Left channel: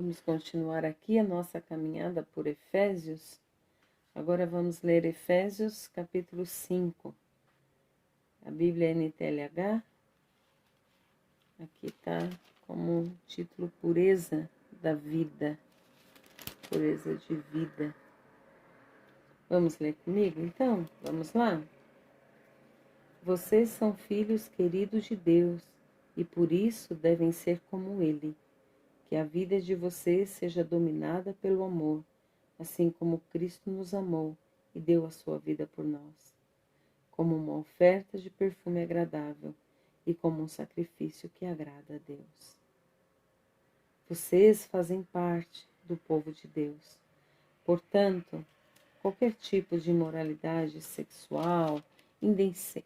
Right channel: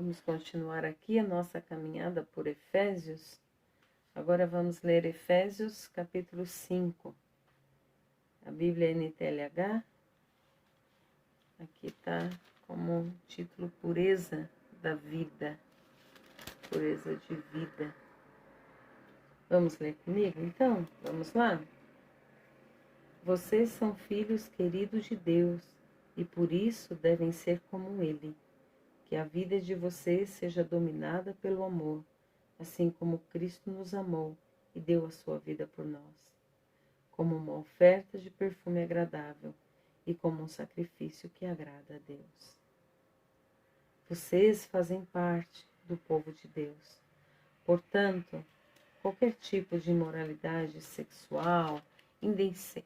Vamos continuar aqui a nossa caminhada por Efésios. Agora vamos ler Efésios capítulo 5. A Bíblia NTLH. Aqui está como título Pureza da Vida. Pureza de vida. Vamos ler comigo então? Vamos lá? Vocês são filhos queridos de Deus e por isso devem ser como Ele. Que a vida de vocês seja dominada pelo amor, assim como Cristo nos amou e deu a sua vida por nós, como uma oferta de perfume agradável e como um sacrifício que agrada a Deus. Vocês fazem parte do povo de Deus. Portanto, qualquer tipo de imoralidade sexual,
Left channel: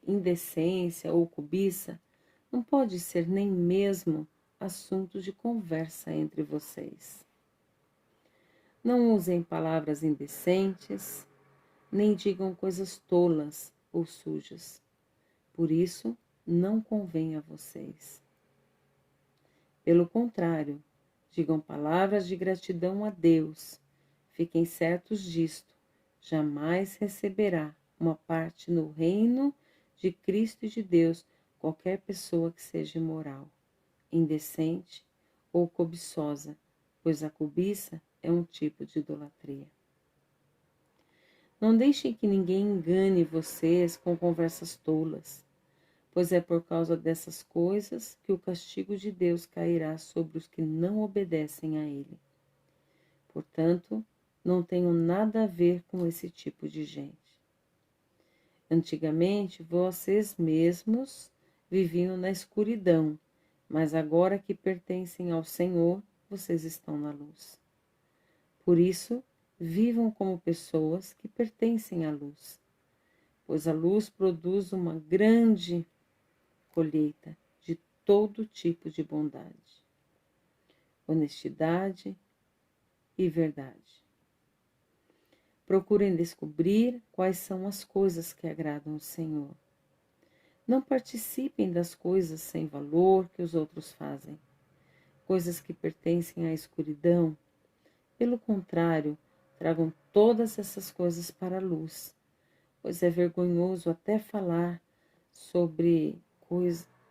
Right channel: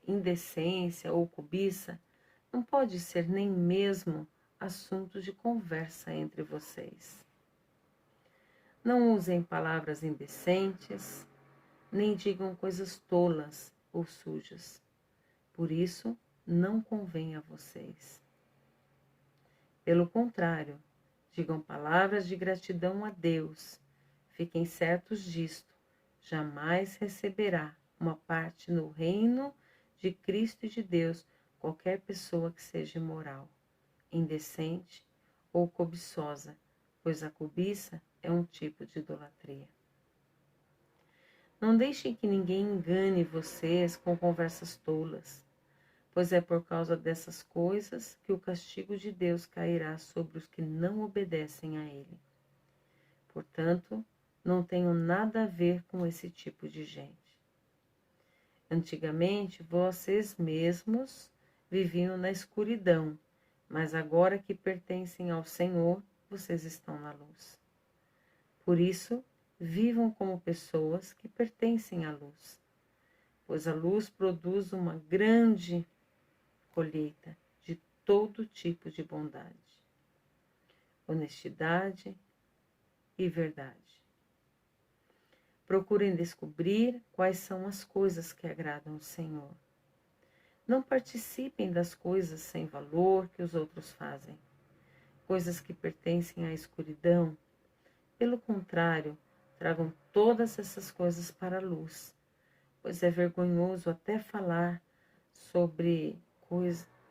indecência ou cobiça não pode ser nem mesmo assunto de conversa entre vocês. Não usem palavras indecentes, nem digam coisas tolas ou sujas. Por isso, não convém a vocês. Pelo contrário, digam palavras de gratidão a Deus. Fiquem certos disto, jamais receberá uma parte no reino de Cristo e de Deus qualquer pessoa que seja imoral, indecente ou cobiçosa, pois a cobiça é um tipo de idolatria. Não deixem que ninguém engane vocês com conversas tolas, pois é por causa dessas coisas que o castigo de Deus cairá sobre os que não obedecem a Ele. Portanto, não tenho nada a ver com esse tipo de gente. Antigamente, vocês mesmos viviam na escuridão, mas agora que pertencem ao Senhor, vocês estão na luz. Por isso, vivam como pessoas que pertencem à luz, pois a luz produz uma grande colheita de todo tipo de bondade, honestidade e verdade. Procurem descobrir quais são as coisas que agradam ao Senhor. Não participem das coisas sem valor que os outros fazem, coisas que pertencem à escuridão. Pelo contrário, tragam todas essas coisas para a luz, pois é vergonhoso até falar sobre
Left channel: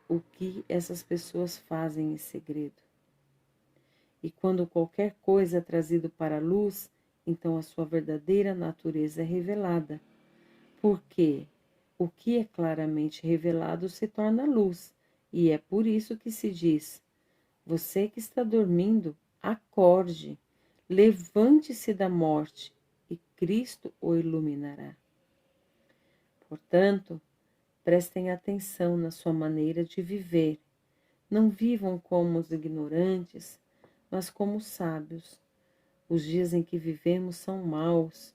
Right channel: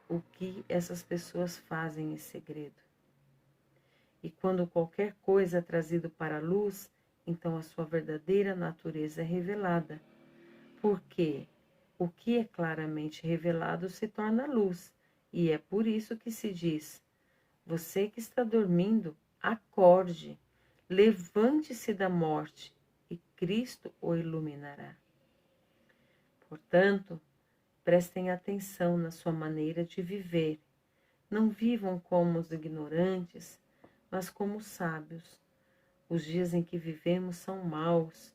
o que essas pessoas fazem em segredo. E quando qualquer coisa é trazido para a luz, então a sua verdadeira natureza é revelada, porque o que é claramente revelado se torna luz, e é por isso que se diz: você que está dormindo, acorde, levante-se da morte, e Cristo o iluminará. Portanto, prestem atenção na sua maneira de viver. Não vivam como os ignorantes, mas como os sábios. Os dias em que vivemos são maus.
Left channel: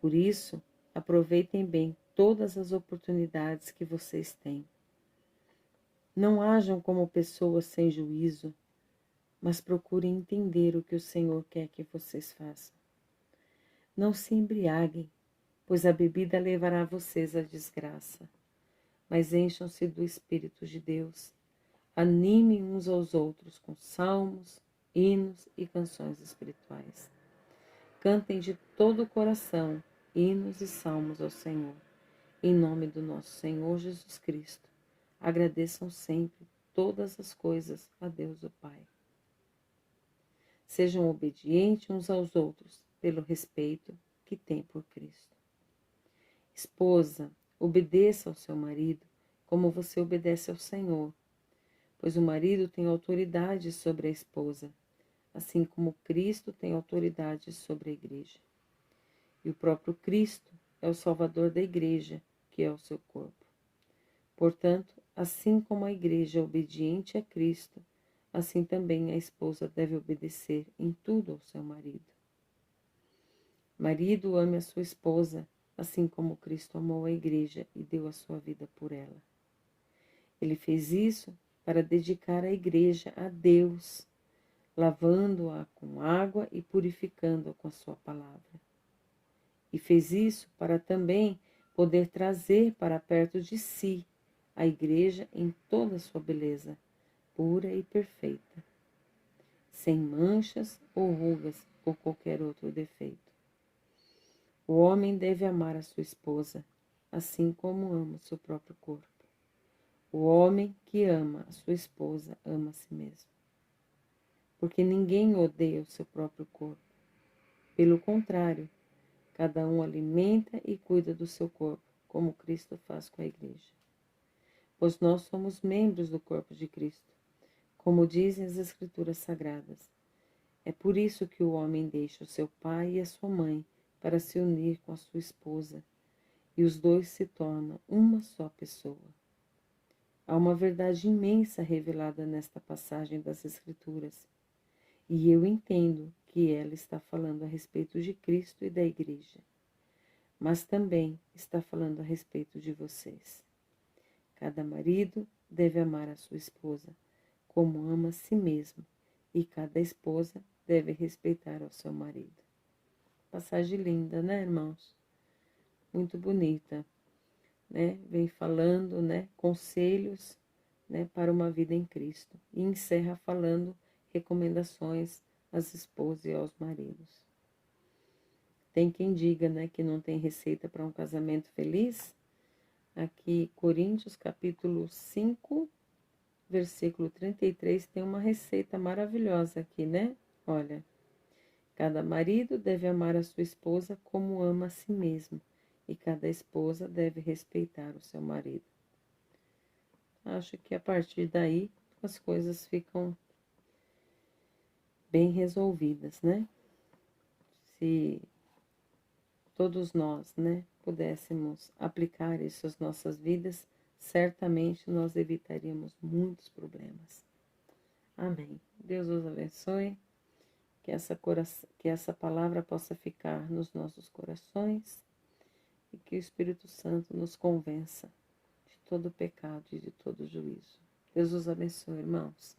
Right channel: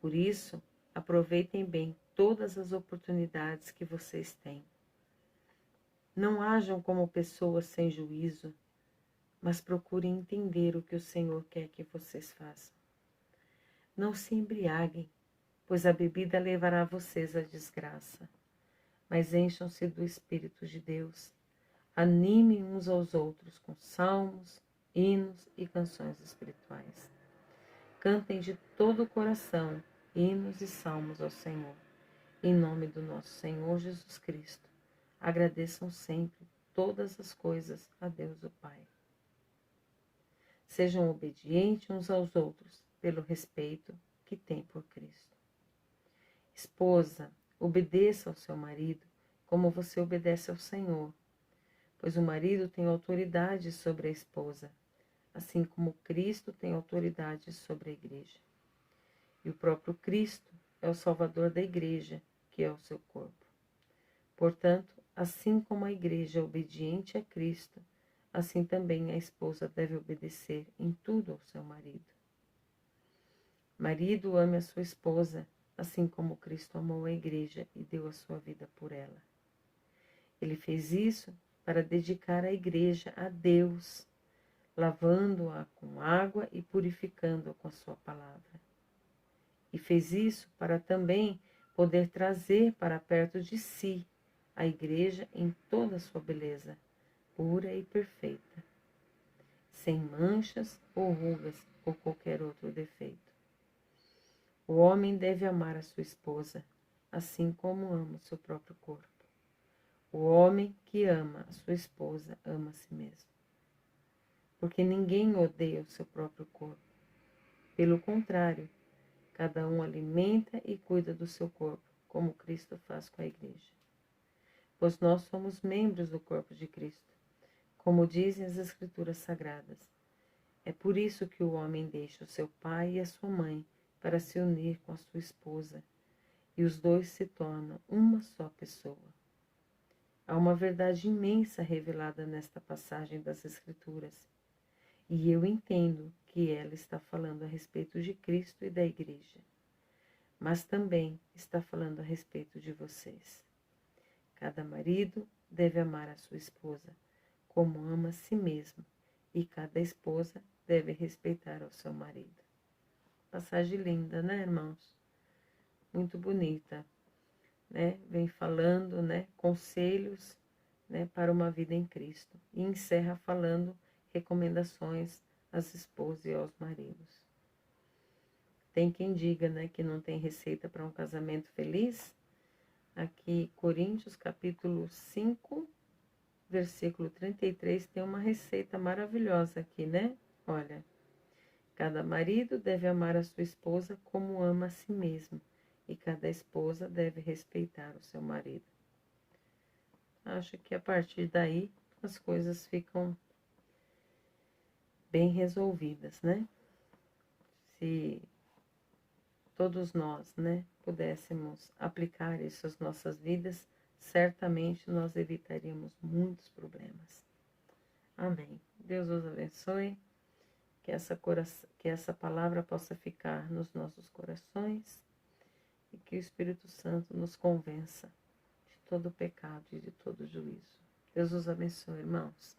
Por isso, aproveitem bem todas as oportunidades que vocês têm. Não hajam como pessoas sem juízo, mas procurem entender o que o Senhor quer que vocês façam. Não se embriaguem, pois a bebida levará vocês à desgraça, mas encham-se do Espírito de Deus. Animem uns aos outros com salmos, hinos e canções espirituais. Cantem de todo o coração hinos e salmos ao Senhor. Em nome do nosso Senhor Jesus Cristo, agradeçam sempre todas as coisas a Deus o Pai. Sejam obedientes uns aos outros pelo respeito que têm por Cristo. Esposa, obedeça ao seu marido como você obedece ao Senhor, pois o marido tem autoridade sobre a esposa, assim como Cristo tem autoridade sobre a igreja. E o próprio Cristo é o Salvador da igreja, que é o seu corpo. Portanto, assim como a igreja é obediente a Cristo, assim também a esposa deve obedecer em tudo ao seu marido. Marido, ame a sua esposa, assim como Cristo amou a igreja e deu a sua vida por ela. Ele fez isso para dedicar a igreja a Deus, lavando-a com água e purificando-a com a sua palavra. E fez isso para também poder trazer para perto de si a igreja em toda a sua beleza, pura e perfeita. sem manchas ou rugas ou qualquer outro defeito. O homem deve amar a sua esposa, assim como ama o seu próprio corpo. O homem que ama a sua esposa ama a si mesmo. Porque ninguém odeia o seu próprio corpo. Pelo contrário, cada um alimenta e cuida do seu corpo, como Cristo faz com a igreja. Pois nós somos membros do corpo de Cristo, como dizem as Escrituras Sagradas. É por isso que o homem deixa o seu pai e a sua mãe para se unir com a sua esposa, e os dois se tornam uma só pessoa. Há uma verdade imensa revelada nesta passagem das Escrituras, e eu entendo que ela está falando a respeito de Cristo e da Igreja, mas também está falando a respeito de vocês. Cada marido deve amar a sua esposa como ama a si mesmo, e cada esposa deve respeitar ao seu marido. Passagem linda, né, irmãos? Muito bonita, né? Vem falando, né, conselhos, né, para uma vida em Cristo. E encerra falando recomendações às esposas e aos maridos. Tem quem diga, né, que não tem receita para um casamento feliz. Aqui, Coríntios, capítulo 5, versículo 33, tem uma receita maravilhosa aqui, né? Olha, cada marido deve amar a sua esposa como ama a si mesmo, e cada esposa deve respeitar o seu marido. Acho que a partir daí as coisas ficam bem resolvidas, né? Se todos nós, né, pudéssemos aplicar isso às nossas vidas, certamente nós evitaríamos muitos problemas. Amém. Deus os abençoe, que essa palavra possa ficar nos nossos corações e que o Espírito Santo nos convença de todo pecado e de todo juízo. Deus os abençoe, irmãos.